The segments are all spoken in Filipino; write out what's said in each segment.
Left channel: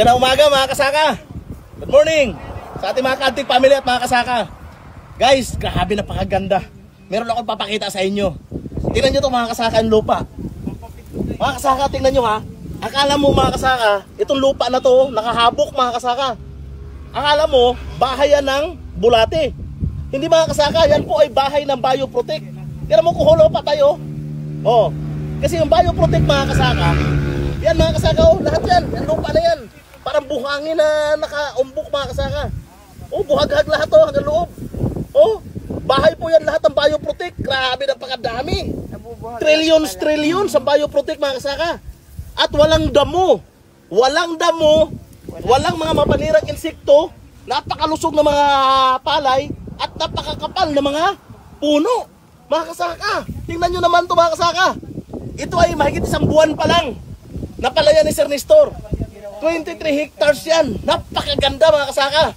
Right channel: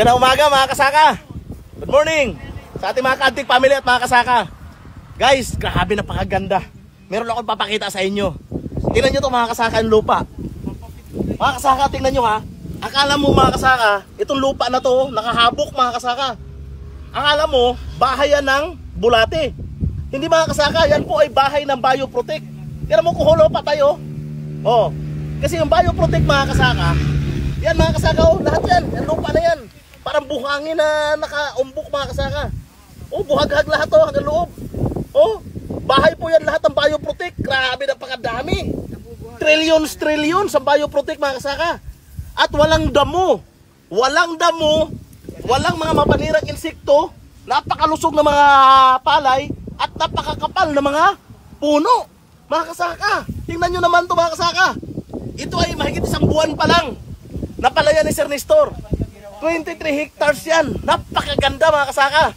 Magandang umaga mga kasaka. Good morning sa ating mga Kantik family at mga kasaka. Guys, grabe napakaganda. Meron akong papakita sa inyo. Tingnan nyo ito mga kasaka, yung lupa. Mga kasaka, tingnan nyo ha. Akala mo mga kasaka, itong lupa na to nakahabok mga kasaka. Akala mo, bahay yan ng bulate. Hindi mga kasaka, yan po ay bahay ng bioprotect. Tingnan mo kung hulo pa tayo. Oh, kasi yung bioprotect mga kasaka, yan mga kasaka, oh, lahat yan. Yan lupa na yan. Parang buhangin na nakaumbok mga kasaka. Oh, buhaghag lahat oh, hanggang loob. Oh, bahay po yan lahat ng bioprotect. Grabe, napakadami. Trillions sa bioprotect mga kasaka. At walang damo. Walang damo. Walang mga mapanirang insekto. Napakalusog na mga palay. At napakakapal na mga puno. Mga kasaka, tingnan nyo naman to mga kasaka. Ito ay mahigit isang buwan pa lang. Napalaya ni Sir Nestor. 23 hectares yan. Napakaganda mga kasaka.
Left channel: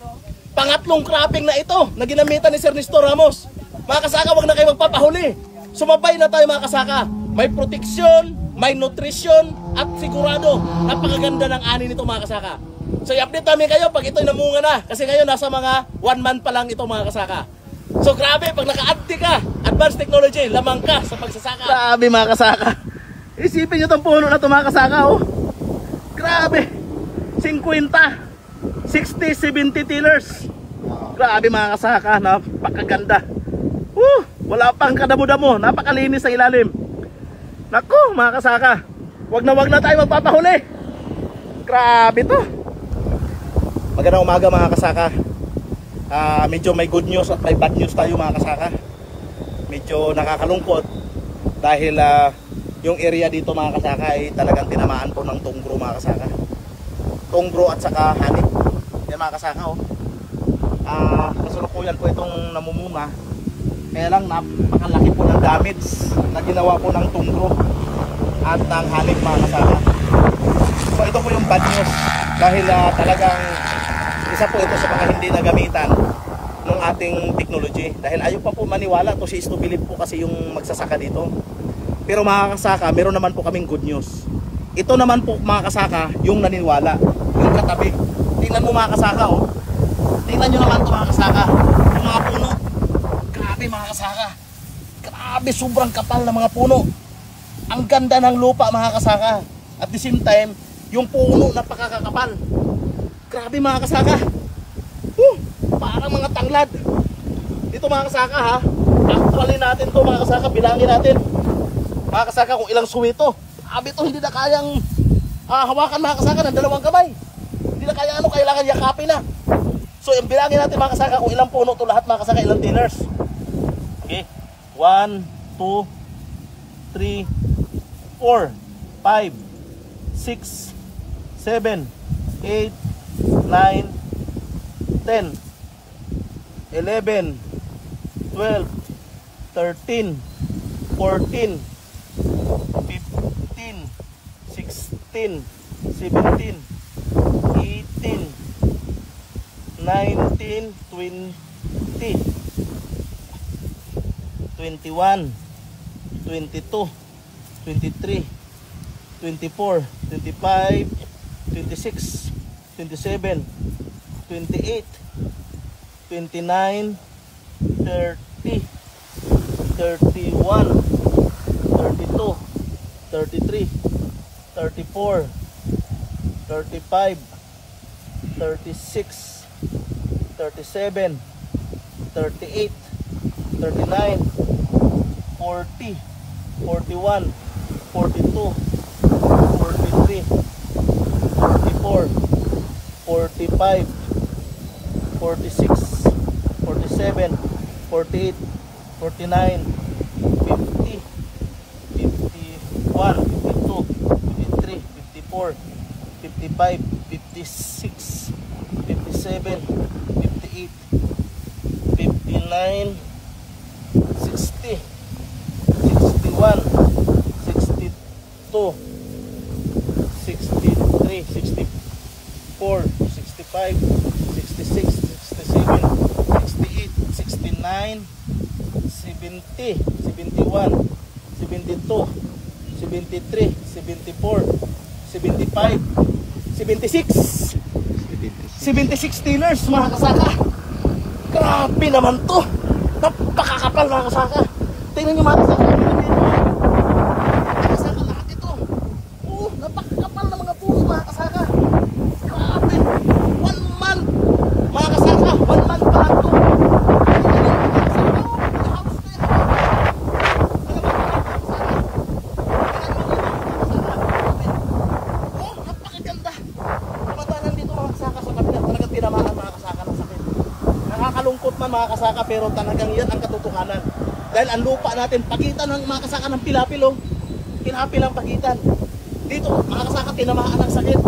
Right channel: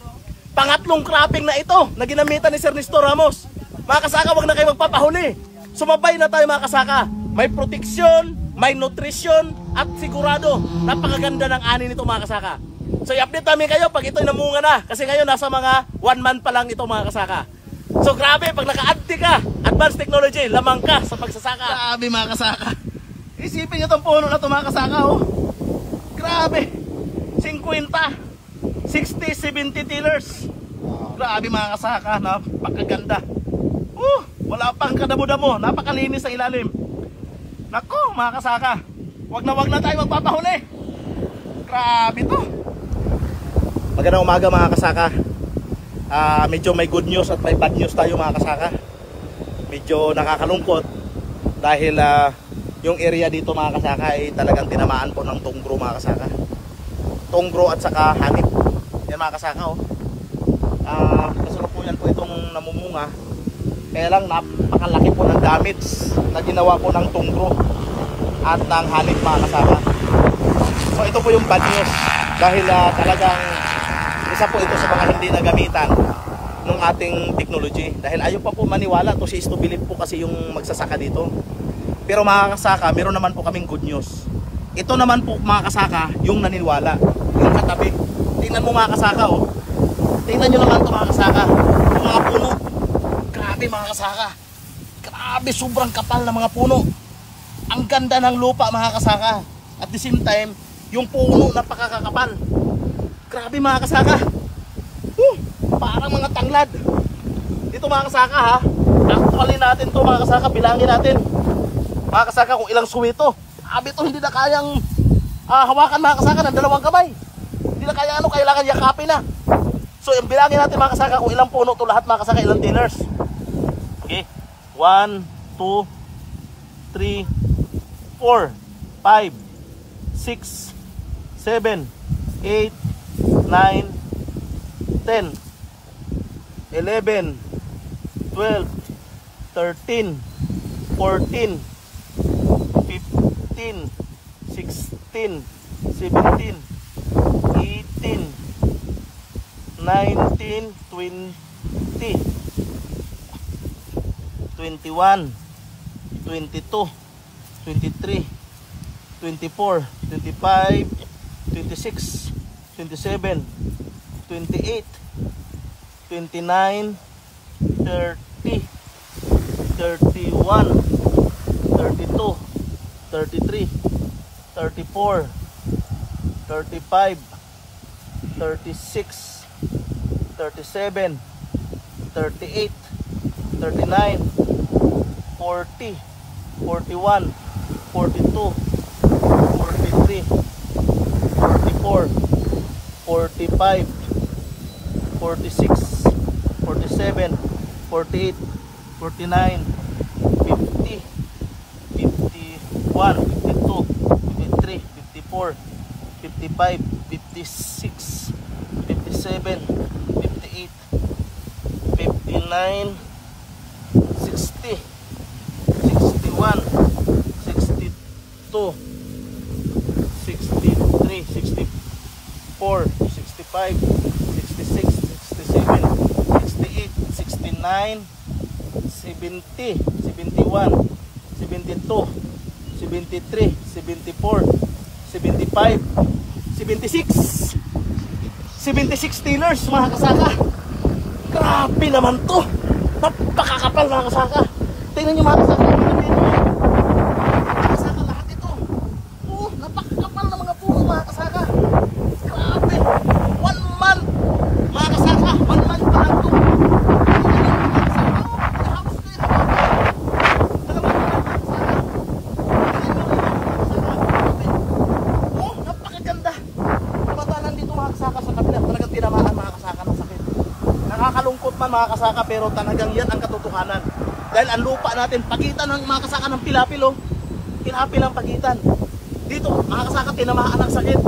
Pangatlong cropping na ito na ginamitan ni Sir Nestor Ramos. Mga kasaka, wag na kayo magpapahuli. Sumabay na tayo mga kasaka. May proteksyon, may nutrition, at sigurado napakaganda ng ani nito mga kasaka. So i-update namin kayo pag ito'y namunga na. Kasi ngayon nasa mga 1 month pa lang ito mga kasaka. So grabe, pag naka-adti ka, advanced technology, lamang ka sa pagsasaka. Grabe mga kasaka. Isipin nyo itong puno na ito mga kasaka oh. Grabe. 50, 60, 70 tillers. Grabe mga kasaka, napakaganda. Wala pang kadamo-damo, napakalinis sa ilalim. Naku mga kasaka, wag na tayo magpapahuli. Grabe to. Magandang umaga mga kasaka. Medyo may good news at may bad news tayo mga kasaka. Medyo nakakalungkot dahil yung area dito mga kasaka ay talagang tinamaan po ng tunggro mga kasaka. Tunggro at saka hanip. Yan mga kasaka oh. Kasalukuyan po itong namumunga. Kaya lang napakalaki po ng damage na ginawa po ng tunggro at ng hanip mga kasaka. So ito po yung bad news dahil talagang isa po ito sa mga hindi nagamitan ng ating technology. Dahil ayaw pa po maniwala to si is to believe po kasi yung magsasaka dito. Pero mga kasaka, meron naman po kaming good news. Ito naman po mga kasaka yung naniniwala. Yung katabi. Tingnan mo mga kasaka oh. Tingnan nyo naman ito mga kasaka. Yung mga puno. Grabe mga kasaka. Grabe, sobrang kapal na mga puno. Ang ganda ng lupa mga kasaka. At the same time, yung puno napakakapal. Grabe mga kasaka. Parang mga tanglad. Dito mga kasaka ha. Actually natin to mga kasaka. Bilangin natin. Mga kasaka kung ilang suwi to. Grabe to, hindi na kayang hawakan mga kasaka ng 2 kamay. Hindi na kaya kailangan yakapin na. So yung bilangin natin mga kasaka kung ilang puno to lahat mga kasaka, ilang tillers. Okay. 1, 2, 3, 4, 5, 6, 7, 8, 9, 10, 11, 12, 13, 14, 15, 16, 17, 18, 19, 20, 21, 22, 23, 24, 25, 26, 27, 28, 29, 30, 31, 32, 33, 34, 35, 36, 37, 38, 39, 40, 41, 42, 43, 44, 45, 46, 47, 48, 49, 50, 51, 52, 53, 54, 55, 56, 57, 58, 59, 60, 61, 62, 63, 64, 65, 66, 67, 68, 69, 70, 71, 72, 73, 74, 75, 76. 76 tillers mga kasaka. Grabe naman to. Napakakapal mga kasaka. Tingnan nyo mga kasaka. Mga kasaka lahat ito. Oh, napakakapal na mga puno mga kasaka. Grabe. 1 month. Mga kasaka, 1 month pa lang to. Nakakalungkot man mga kasaka, pero talagang yan ang katotohanan. Dahil ang lupa natin, pagitan ng mga kasaka ng pilapil, oh. Pilapil ang pagitan. Dito mga kasaka, tinamaan ang sakit.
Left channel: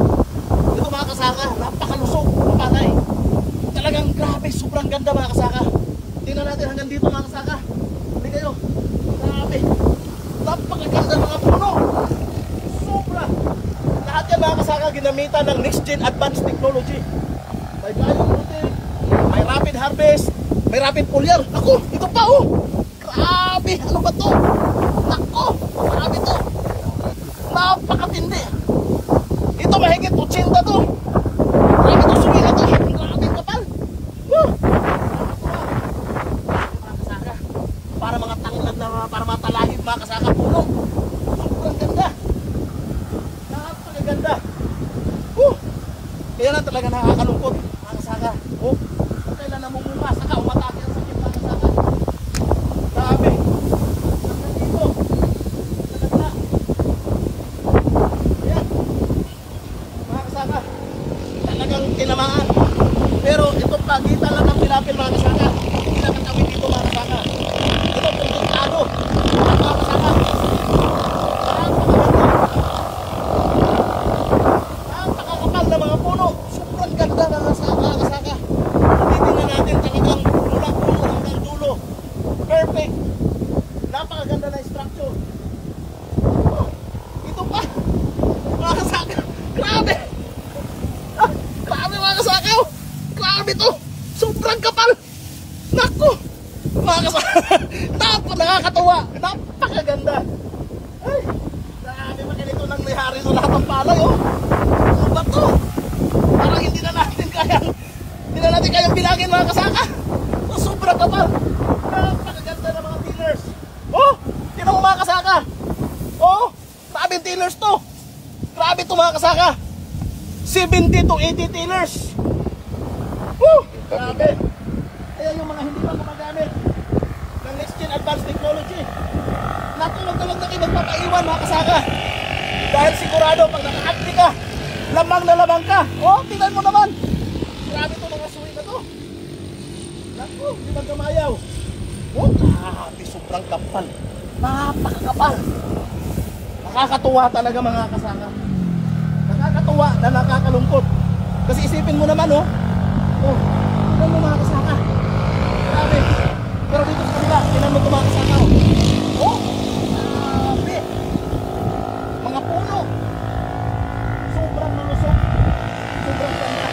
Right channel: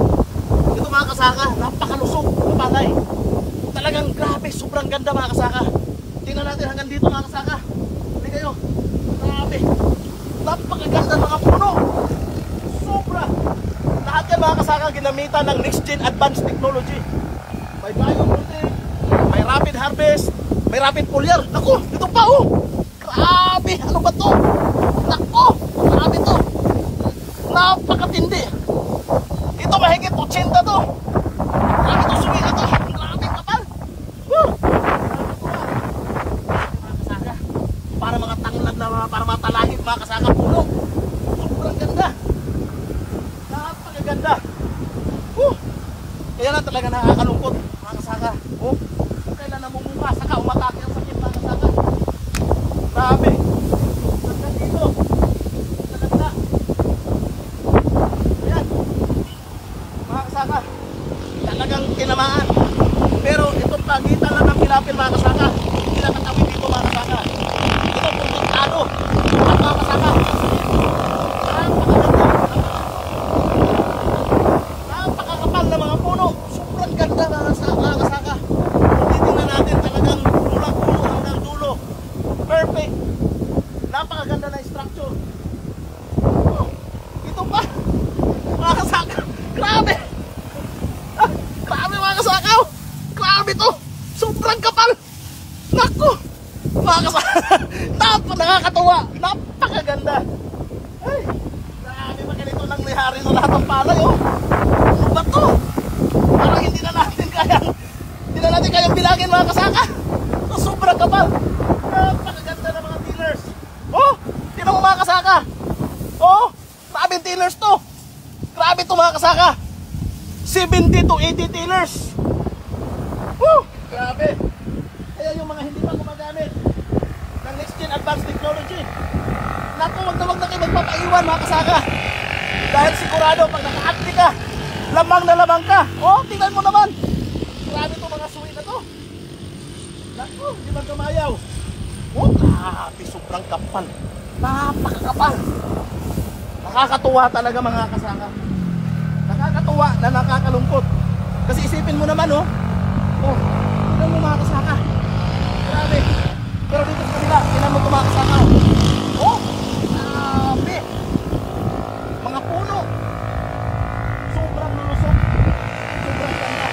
Ito mga kasaka, napakalusog na bagay. Talagang grabe, sobrang ganda mga kasaka. Tingnan natin hanggang dito mga kasaka. Hindi kayo, grabe. Napakaganda mga puno. Sobra. Lahat yan mga kasaka, ginamitan ng next gen advanced technology. May biopolting, may rapid harvest, may rapid foliar. Naku, ito pa oh. Grabe, ano ba to? Naku, grabe to. Napakatindi. Ito mahigit 80 to. Grabe to, sugi na to. Grabe kapal. Woo! Para mga tanglad na para mga talahib mga kasaka puno. Sobrang ganda. Napakaganda. Woo! Kaya na talaga nakakalungkot mga kasaka. Oh, kailan namumunga, saka umatake ang sakit mga kasaka. Grabe. Hanggang dito. Talaga. Ayan. Mga kasaka. Talagang tinamaan. Pero itong pagitan lang ng pilapil mga kasaka. Hindi lang katawin dito mga kasaka. Ito pungkutado. Mga kasaka. Napakakapal na mga puno. Sobrang ganda mga kasaka. Titingnan natin talagang mula puno hanggang dulo. Perfect. Napakaganda na structure. Oh, ito pa. Mga kasaka. Grabe. Ah, grabe mga kasaka. Grabe to. Sobrang kapal. Naku. Mga kasaka. Nakakatawa. Napakaganda. Ay, grabe mga ganito lang may-hari ng lahat ng palay. Oh. Ano ba to? Parang hindi na natin kayang bilangin mga kasaka. Sobrang kapal. Napakaganda ng mga tillers. Oh, tinan mo mga kasaka. Oh, grabe tillers to. Grabe to mga kasaka. 70 to 80 tillers. Woo, grabe. Kaya yung mga hindi pa gumagamit ng next gen advanced technology, naku, wag na kayo magpapaiwan mga kasaka. Dahil sigurado pag naka-atli ka, lamang na lamang ka. Oh, tingnan mo naman. Grabe to mga suwi na to. Naku, hindi magkamayaw. Oh, grabe, sobrang kapal. Napakakapal. Nakakatuwa talaga mga kasaka. Nakakatuwa na nakakalungkot. Kasi isipin mo naman, oh. Oh, tingnan mo mga kasaka. Grabe. Pero dito sa kabila, tingnan mo ito mga kasaka. Oh, grabe. Mga puno. Sobrang lulusok. Sobrang ganda.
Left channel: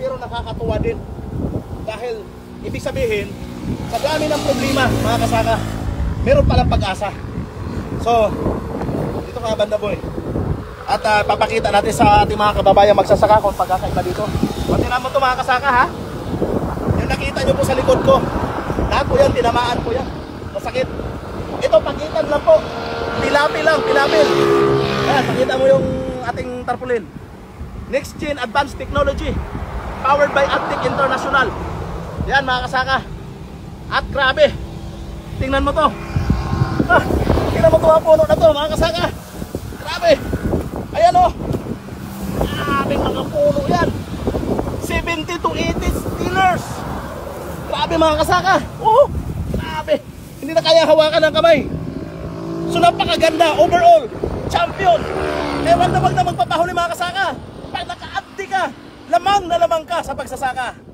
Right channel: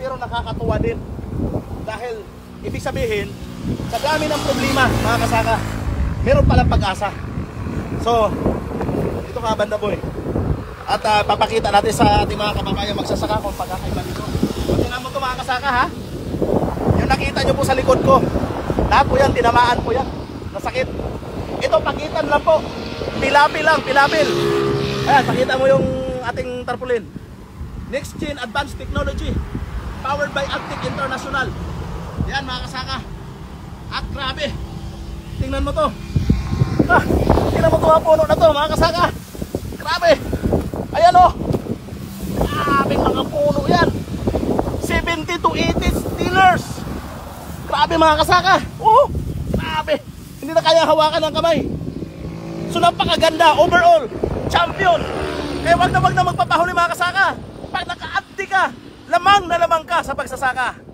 Pero nakakatuwa din dahil ibig sabihin sa dami ng problema mga kasaka, meron palang pag-asa. So dito ka banda boy, at papakita natin sa ating mga kababayan magsasaka kung pagkakaiba dito. Tingnan mo ito mga kasaka ha, yung nakita nyo po sa likod ko, lahat po yan, tinamaan po yan, masakit. Ito pagitan lang po, pilapil lang, pilapil. Ayan, pakita mo yung ating tarpaulin. Next Gen Advanced Technology, powered by Aptic International. Yan mga kasaka. At grabe, tingnan mo to. Ah, tingnan mo to ang puno na to mga kasaka. Grabe. Ayan o. Grabe mga puno yan. 70 to 80 tillers. Grabe mga kasaka. Oh, grabe. Hindi na kaya hawakan ng kamay. So napakaganda overall. Champion. Kaya wag na magpapahuli mga kasaka. Pag naka-abdi ka, lamang na lamang ka sa pagsasaka.